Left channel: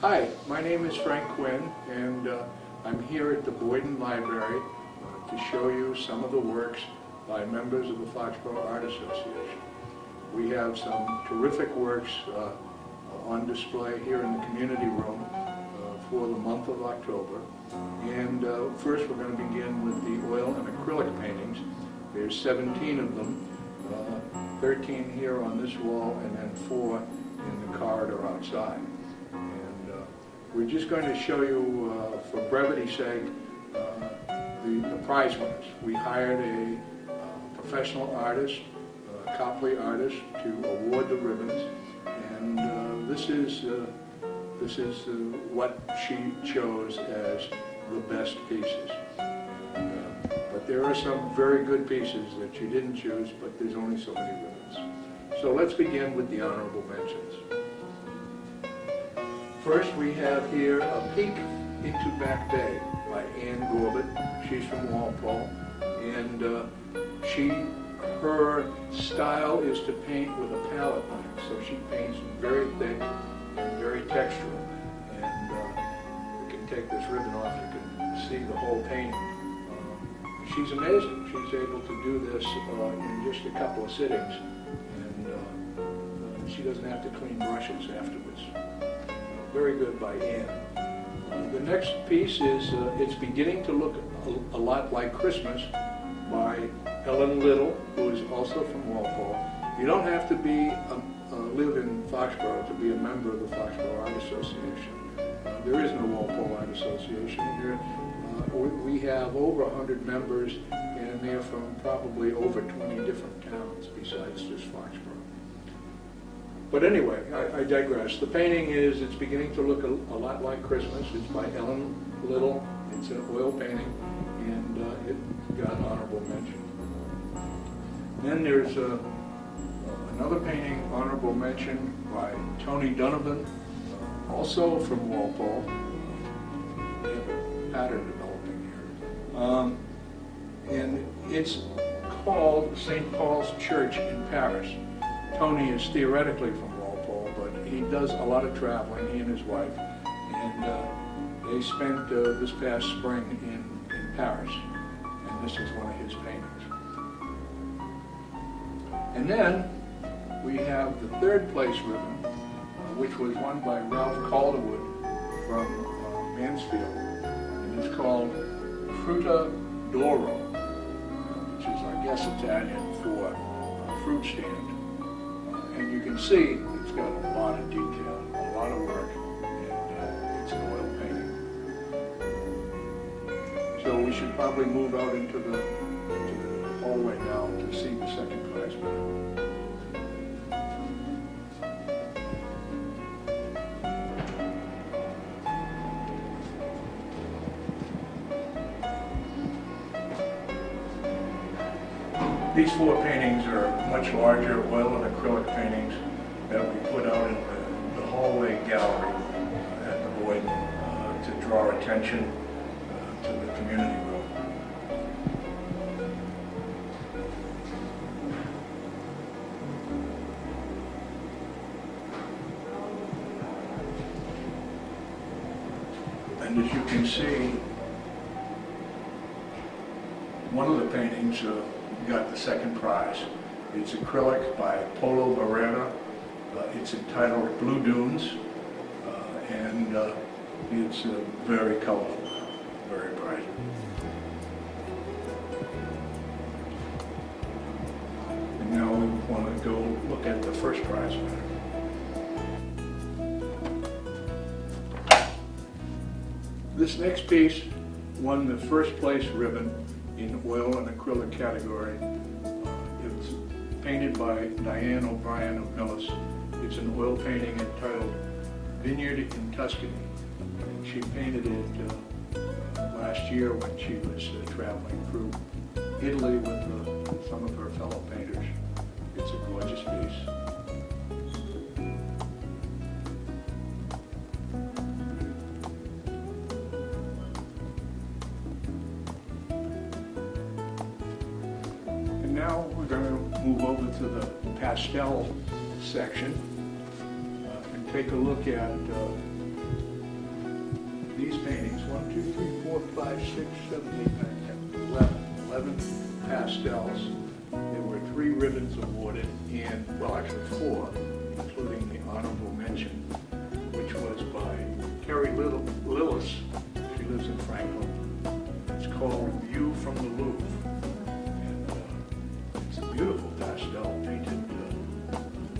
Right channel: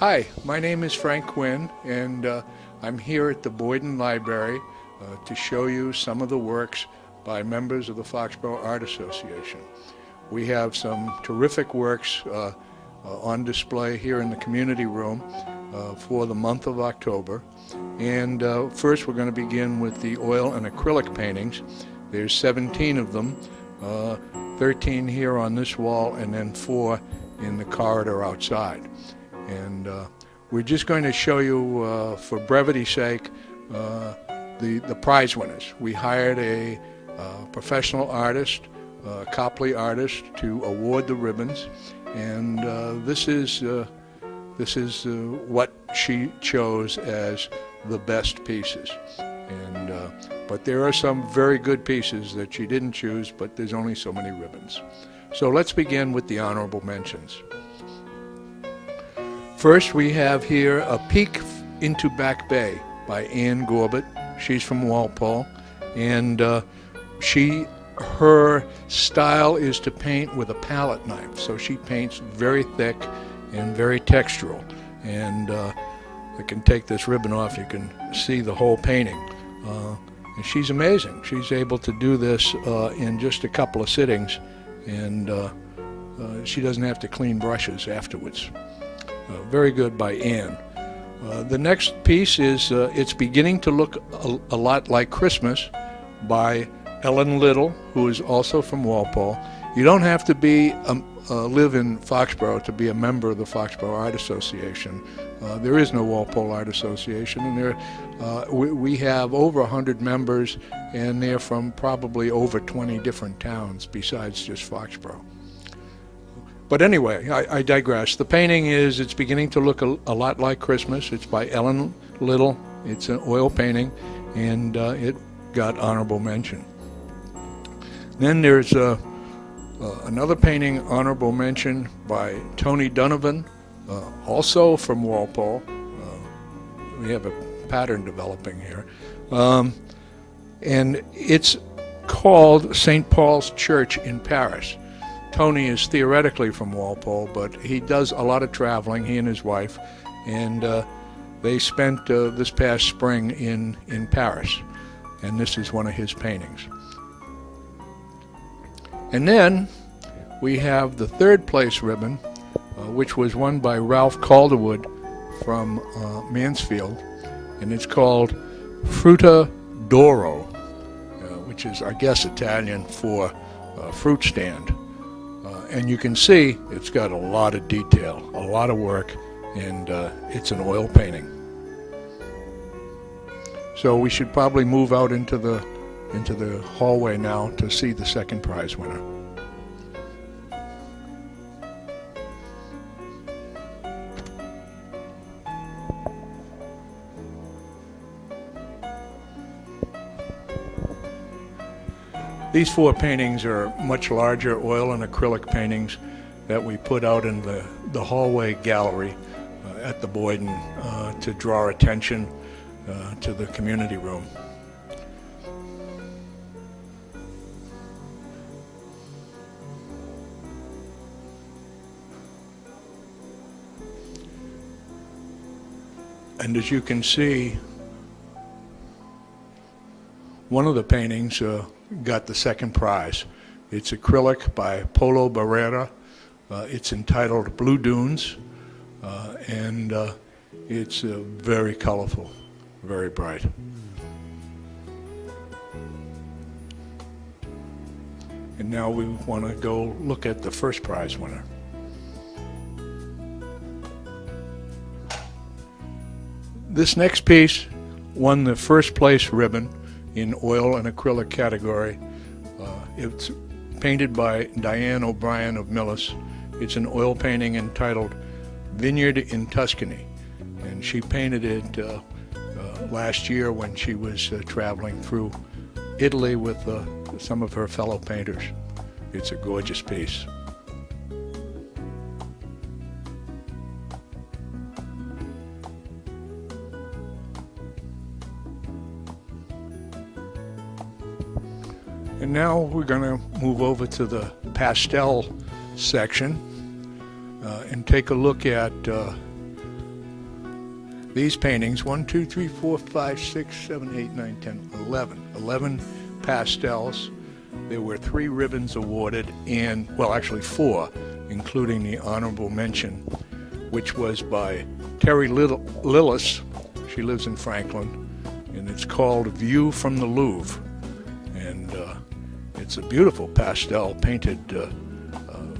Hi, my name is Frank Quinn, and I'm here at the Boyden Library to show you some of the works by members of the Foxboro Art Association. We have some terrific works on display here in the community room for the month of October. And first we're going to begin with the oil and acrylic paintings. There's 17 of them, 13 here on this wall and then 4 in the corridor outside. And we're just going to show you, for brevity's sake, the prize winners. We hired a professional artist, Copley artist, to award the ribbons, and this is what she chose as the best pieces. And but there are some very good pieces that she didn't choose, but there's only so many ribbons. So let's begin with the honorable mentions. First, we have here A Peek into Back Bay by Ann Gorbett. She's from Walpole, and her style is to paint with a palette knife. So she paints very thick and very textural. And I can take this ribbon off, you can see the whole painting. And she's amazing. She's able to do this in just a couple of sittings, and she doesn't have to clean brushes afterwards. Very good by Ann. The next piece is It's Beginning to Look a Lot Like Christmas by Ellen Little, who is also from Walpole. You don't have to be live in Foxboro to be a member of the Foxboro Art Association. There is no Walpole Art Association, and we have over 100 members, and they're from probably over 20 different towns besides just Foxboro. But anyway, I digress. The painting is It's Beginning to Look a Lot Like Christmas. It's by Ellen Little. It's an oil painting, and it got honorable mention. Then there's another painting, honorable mention, by Tony Donovan, also from Walpole. We have a pattern developing here. And it's called St. Paul's Church in Paris. Tony is theoretically from Walpole, but he does a lot of traveling, he and his wife, and they spent this past spring in Paris, and this is one of his paintings. And then we have the third place ribbon, which was won by Ralph Calderwood from Mansfield, and it's called Frutta d'Oro, which is, I guess, Italian for fruit stand. And you can see it's got a lot of detail, a lot of work, and it's an oil painting. So we should probably move out into the hallway now to see the second prize winner. These 4 paintings are much larger oil and acrylic paintings that we put out in the hallway gallery at the Boyden to draw attention to the community room. And as you can see, one of the paintings got the second prize. It's acrylic by Polo Barrera. It's entitled Blue Dunes, and it's very colorful, very bright. And now we want to go look at the first prize winner. This next piece won the first place ribbon in oil and acrylic category. It's painted by Diane O'Brien of Millis. It's an oil painting entitled Vineyard in Tuscany, and she painted it last year when she was traveling through Italy with some of her fellow painters. It's a gorgeous piece. And now we're going to move over to the pastel section and take a look at these paintings, 1, 2, 3, 4, 5, 6, 7, 8, 9, 10, 11 pastels. There were 3 ribbons awarded, and, well, actually 4, including the honorable mention, which was by Terry Lillis. She lives in Franklin, and it's called View from the Louvre. And it's a beautiful pastel painted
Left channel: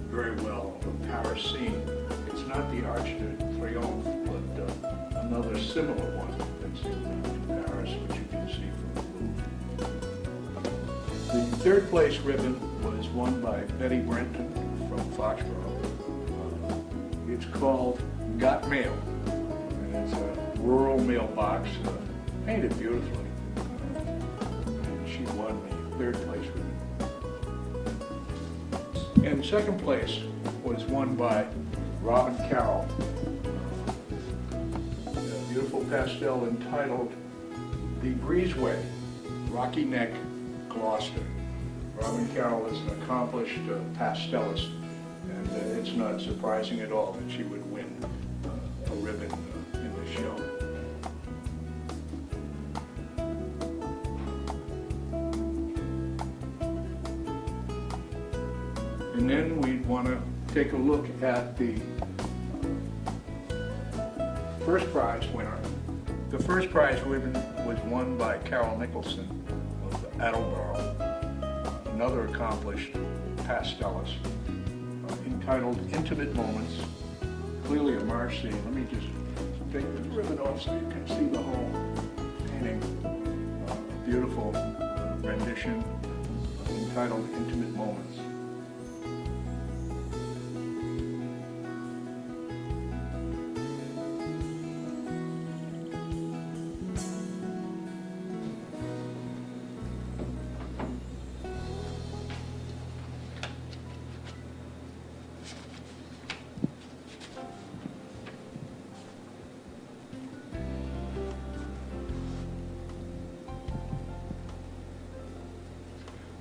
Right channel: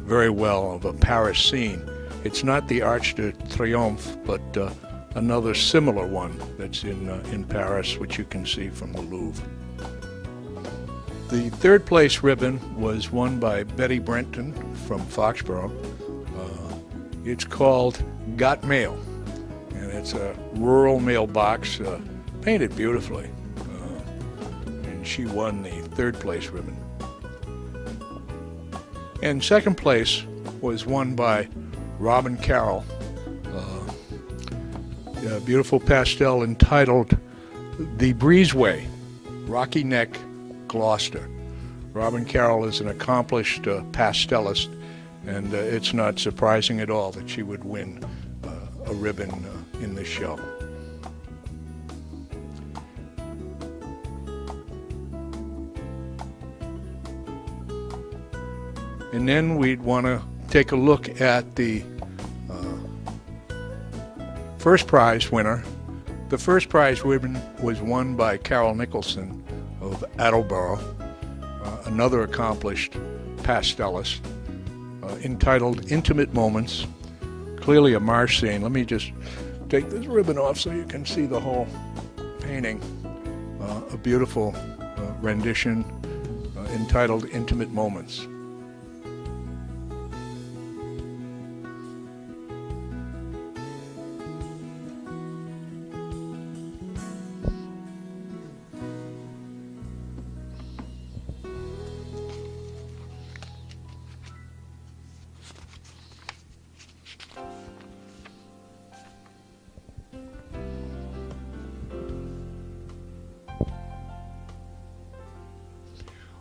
very well of a Paris scene. It's not the Arc de Triomphe, but another similar one that's in Paris, which you can see from the Louvre. The 3rd place ribbon was won by Betty Brenton from Foxboro. It's called Got Mail, and it's a rural mailbox painted beautifully. And she won the 3rd place ribbon. And 2nd place was won by Robin Carroll. A beautiful pastel entitled The Breezeway, Rocky Neck, Gloucester. Robin Carroll is an accomplished pastelist, and it's not surprising at all that she would win a ribbon in this show. And then we'd want to take a look at the first prize winner. The first prize ribbon was won by Carol Nicholson of Attleboro, another accomplished pastelist, entitled Intimate Moments. Clearly a marsh scene. Let me just take this ribbon off so you can see the whole painting. A beautiful rendition entitled Intimate Moments.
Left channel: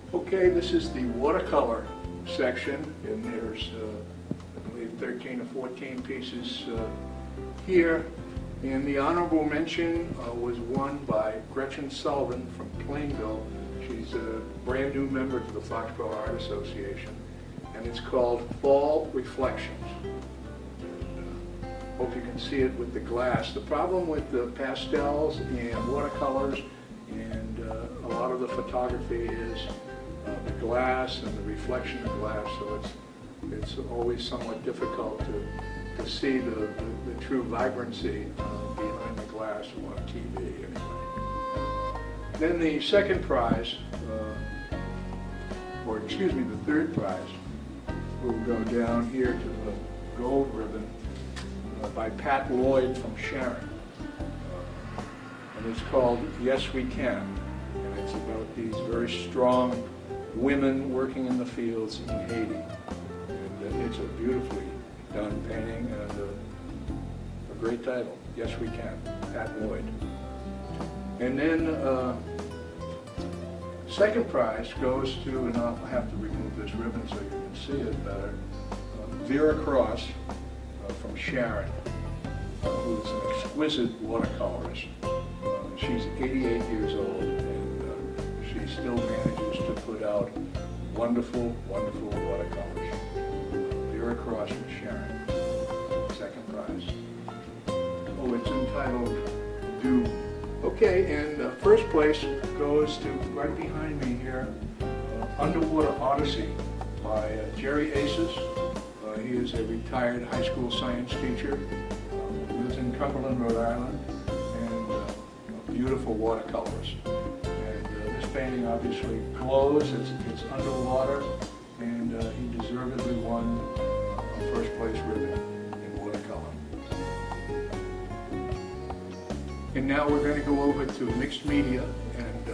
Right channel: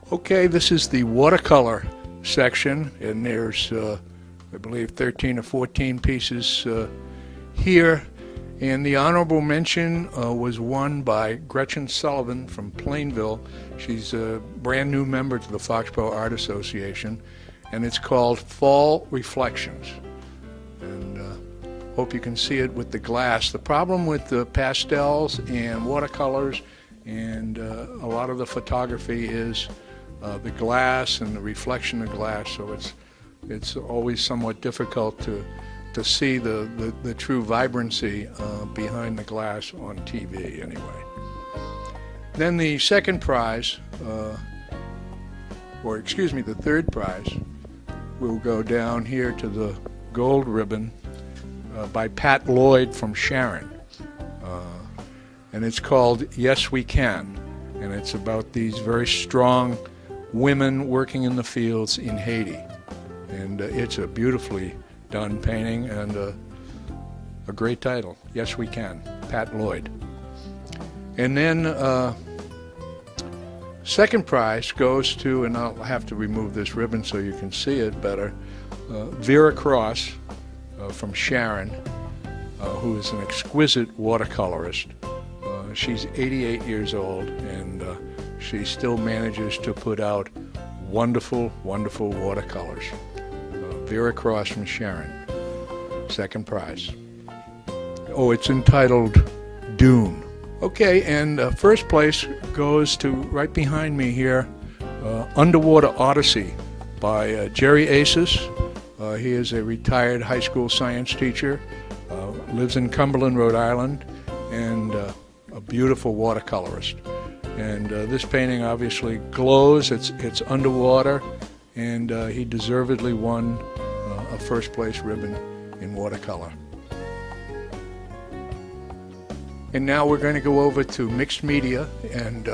Okay, this is the watercolor section, and there's, I believe, 13 or 14 pieces here. And the honorable mention was won by Gretchen Sullivan from Plainville. She's a brand new member to the Foxboro Art Association, and it's called Fall Reflections. And hope you can see it with the glass. The problem with the pastels and watercolors and a lot of the photography is the glass and the reflection of glass, so it's always somewhat difficult to see the true vibrancy behind the glass on TV anyway. Then the 2nd prize, the 3rd prize, will go down here to the gold ribbon by Pat Lloyd from Sharon. And it's called Yes We Can, and it's about these very strong women working in the fields in Haiti. And it's a beautifully done painting and a great title, Yes We Can, Pat Lloyd. And then 2nd prize goes to, and I'll have to remove this ribbon so you can see it better, Vera Cross from Sharon, who is an exquisite watercolorist. She's 88 years old, and she still manages to put out wonderful, wonderful watercolors. Vera Cross from Sharon, 2nd prize. Oh, it's entitled Dune. Okay, and 1st place goes to, right behind me here, Underwater Odyssey by Jerry Aces. He is a retired high school science teacher, lives in Cumberland, Rhode Island, and a beautiful watercolorist. And this painting obviously glows, it's underwater, and he deservedly won a 1st place ribbon in watercolor. And now we're going to go over to mixed media and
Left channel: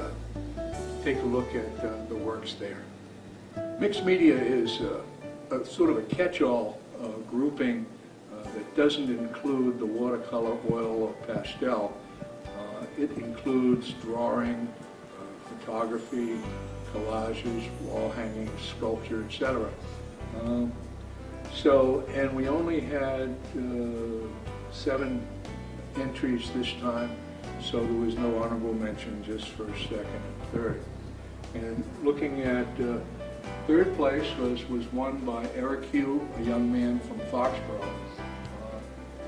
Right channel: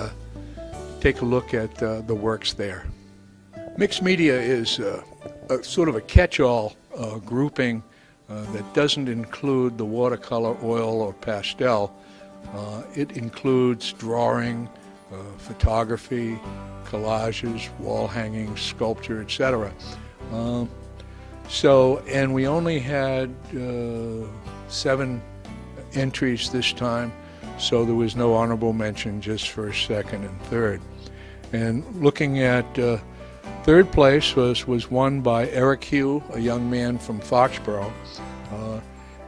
take a look at the works there. Mixed media is a sort of a catch-all grouping that doesn't include the watercolor, oil, or pastel. It includes drawing, photography, collages, wall hanging, sculpture, etc. And we only had 7 entries this time, so there was no honorable mention, just first, second, and third. And looking at third place was won by Eric Hugh, a young man from Foxboro,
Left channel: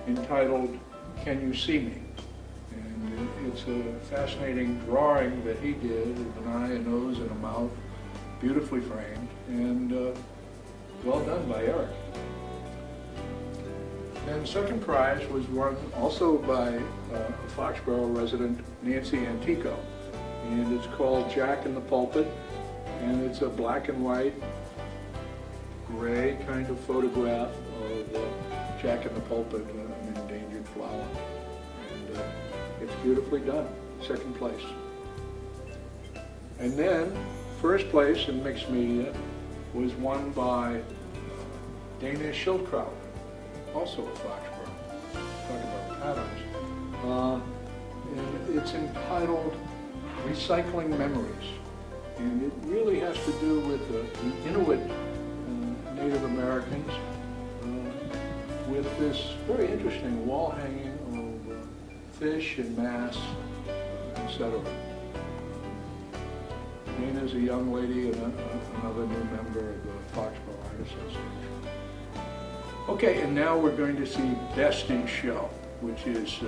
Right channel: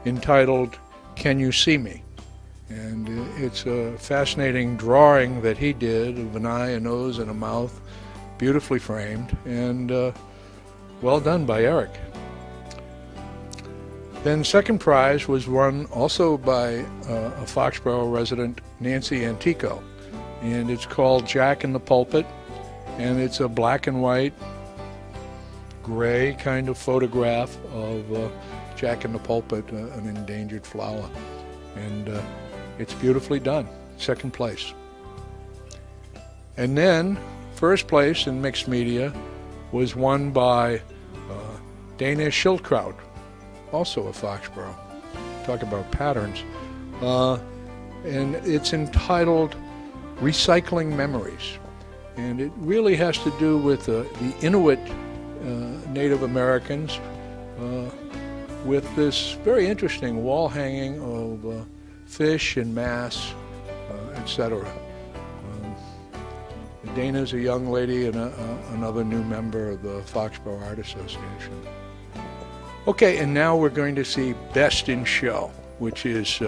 entitled Can You See Me? And it's a fascinating drawing that he did of an eye, a nose, and a mouth, beautifully framed, and well done by Eric. Then second prize was won also by a Foxboro resident, Nancy Antico, and it's called Jack in the Pulpit, and it's a black and white, gray kind of photograph of Jack in the Pulpit, an endangered flower, and it's beautifully done, second place. And then first place in mixed media was won by Dana Schildkraut, also a Foxboro. Talk about patterns. And it's entitled Recycling Memories. And it really has to do with the Inuit Native Americans with this very interesting wall hanging of fish and mass, etc. Dana's a young lady and another new member of the Foxboro Art Association. Okay, and now we're going to see Best in Show, which is,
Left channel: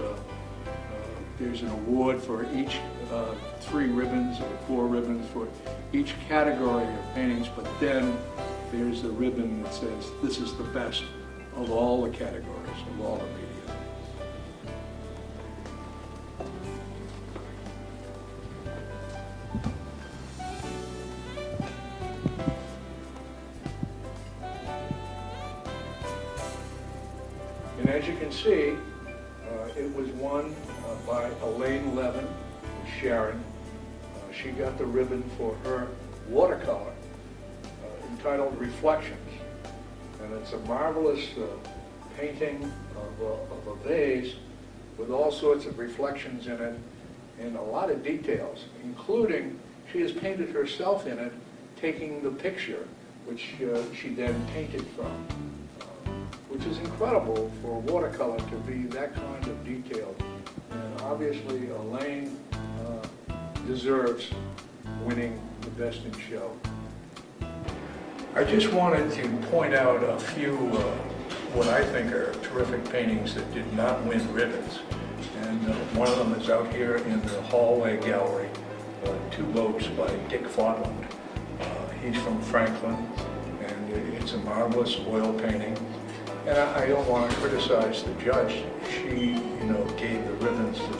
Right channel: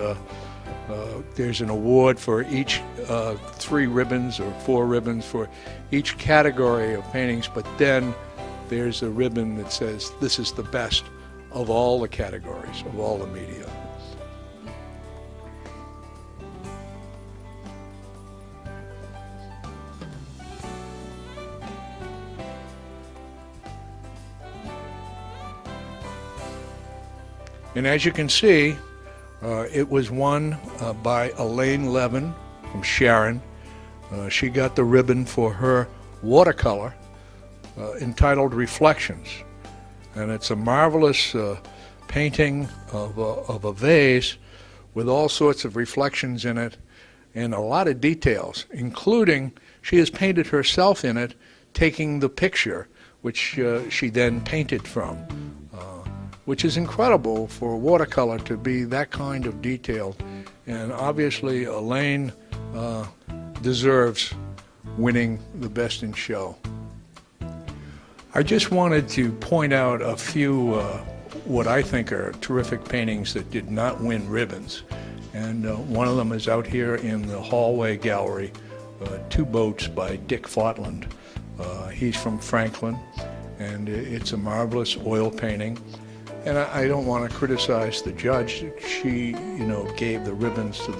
there's an award for each 3 ribbons or 4 ribbons for each category of paintings, but then there's a ribbon that says this is the best of all the categories, of all the media. And as you can see, it was won by Elaine Levin from Sharon. She got the ribbon for her watercolor entitled Reflections. And it's a marvelous painting of a vase with all sorts of reflections in it and a lot of details, including she has painted herself in it, taking the picture, which she then painted from. Which is incredible for a watercolor to be that kind of detail. And obviously Elaine deserves winning the Best in Show. I just wanted to point out a few what I think are terrific paintings that did not win ribbons. And one of them is out here in the hallway gallery, Two Boats by Dick Fortland. He's from Franklin, and it's a marvelous oil painting. And I don't want to criticize the judge. She, gave the ribbons to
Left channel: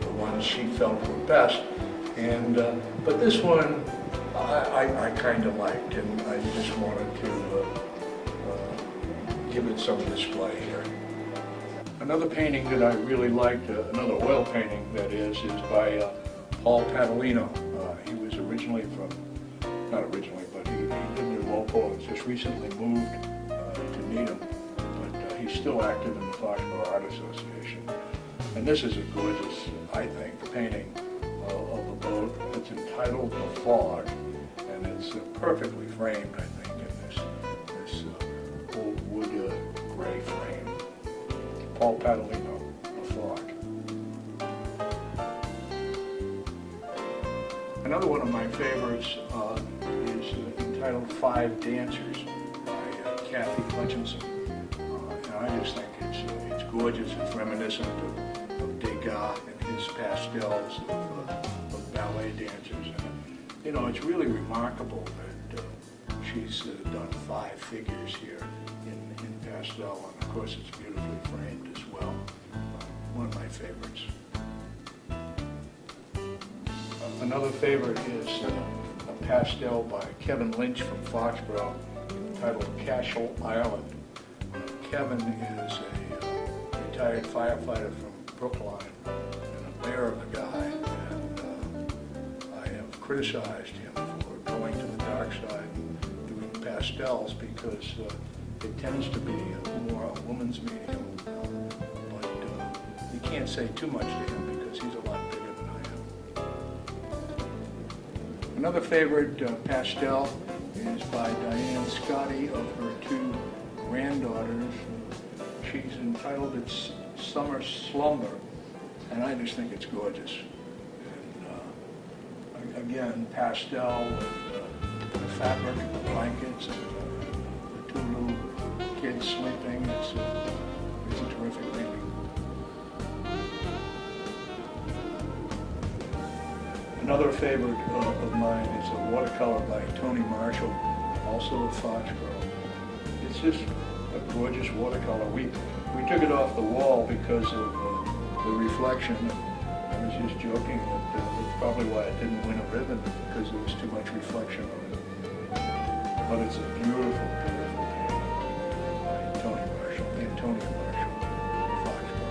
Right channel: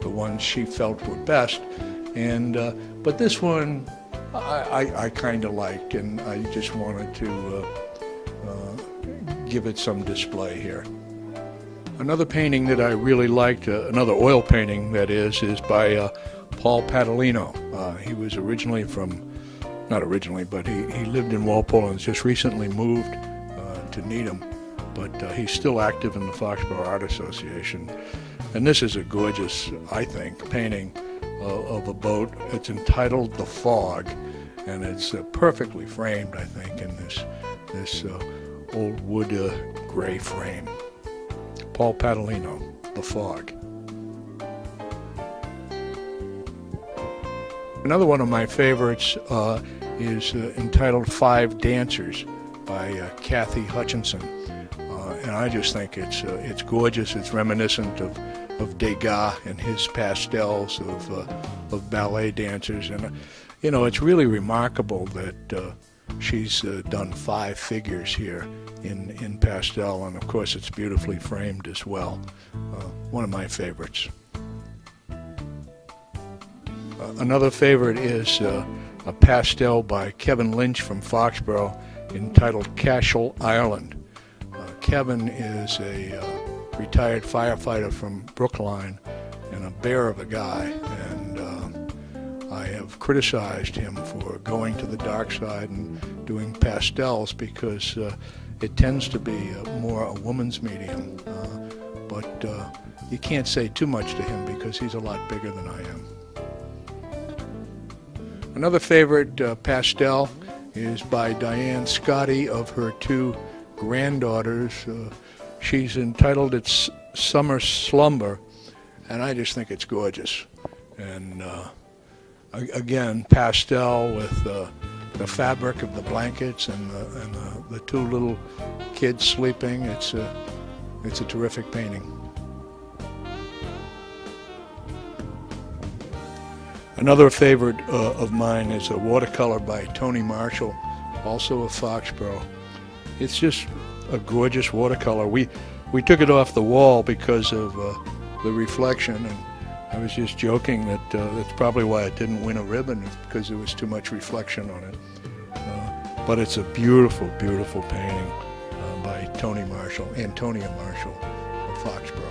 the ones she felt were best. And but this one, I kind of liked, and I just wanted to give it some display here. Another painting that I really liked, another oil painting that is by Paul Padalino. He was originally not originally, but he lived in Walpole and has just recently moved to Needham. But he's still active in the Foxboro Art Association. And this is a gorgeous, I think, painting of a boat. It's entitled The Fog, and it's perfectly framed, I think, in this old wood gray frame. Paul Padalino, The Fog. Another one of my favorites is entitled Five Dancers by Kathy Hutchinson. And I just think it's gorgeous. It's reminiscent of Degas and his pastels of ballet dancers. And, it's really remarkable that she's done 5 figures here in pastel. And, of course, it's beautifully framed as well. One of my favorites. Another favorite is a pastel by Kevin Lynch from Foxboro entitled Cashel Island. Kevin is a retired firefighter from Brookline and a bear of a guy, and I have criticized him for going to the dark side and doing pastels because it tends to be more a woman's medium, but you can't say too much to him because he's a lot bigger than I am. Another favorite pastel is by Diane Scotti of her 2 granddaughters. She's entitled It's Summer Slumber, and I just think it's gorgeous. And again, pastel with the fabric of the blankets and the two little kids sleeping. It's a terrific painting. Another favorite of mine is a watercolor by Tony Marshall, also of Foxboro. It's just a gorgeous watercolor. We took it off the wall because of the reflection. And I was just joking that that's probably why it didn't win a ribbon, because there was too much reflection on it. But it's a beautiful, beautiful painting by Antonia Marshall, Foxboro.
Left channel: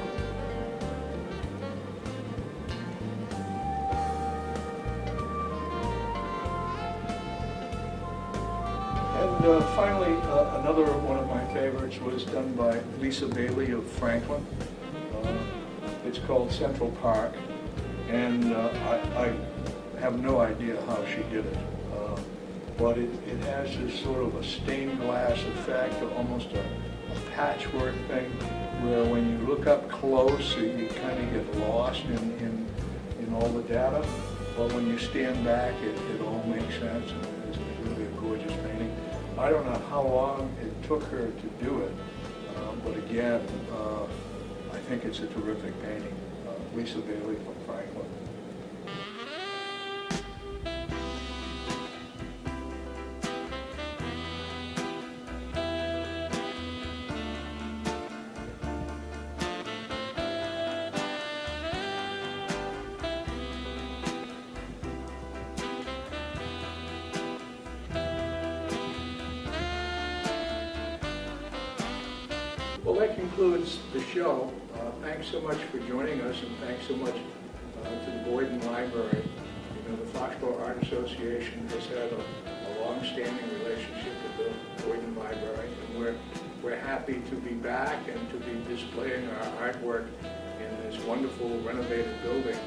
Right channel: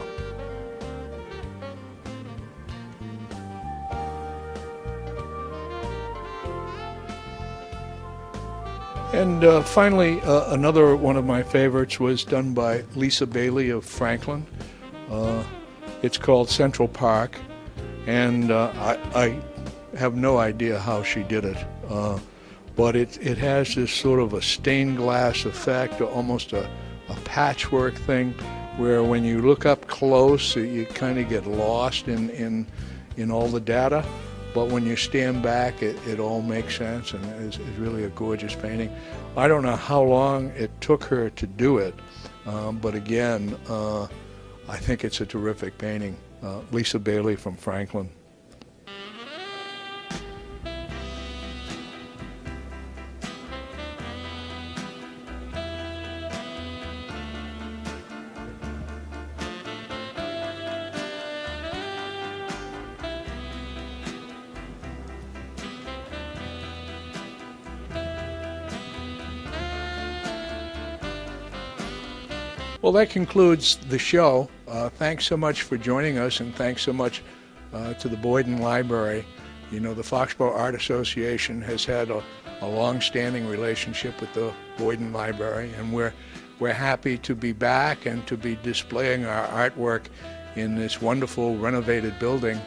And finally, another one of my favorites was done by Lisa Bailey of Franklin. It's called Central Park, and I have no idea how she did it, but it has this sort of a stained glass effect, almost a patchwork thing, where when you look up close, you kind of get lost in all the data. But when you stand back, it all makes sense, and it's really a gorgeous painting. I don't know how long it took her to do it, but again, I think it's a terrific painting. Lisa Bailey from Franklin. Well, that concludes the show. Thanks so much for joining us, and thanks so much to the Boyden Library. You know, the Foxboro Art Association has had a long-standing relationship with the Boyden Library, and we're happy to be back and to be displaying our artwork in this wonderful renovated building.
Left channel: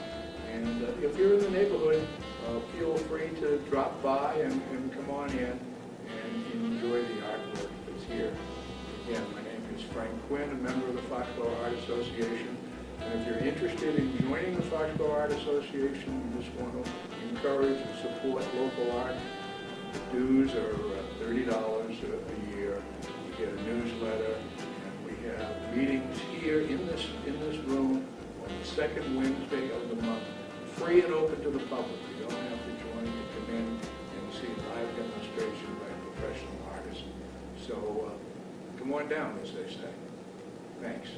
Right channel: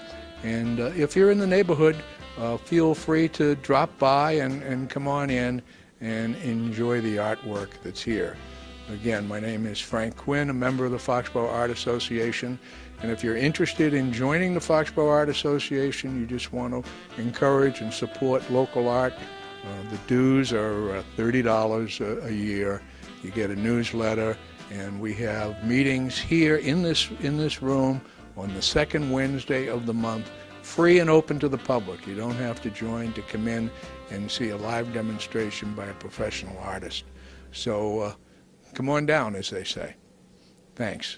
And if you're in the neighborhood, feel free to drop by and come on in and enjoy the artwork that's here. Again, my name is Frank Quinn, a member of the Foxboro Art Association, and if you're interested in joining the Foxboro Art Association, you just want to encourage and support local art, the dues are $30 a year. You get a newsletter, and we have meetings here in this room on the second Wednesday of the month, free and open to the public. You don't have to join to come in and see a live demonstration by a professional artist. So come on down, as they say. Thanks.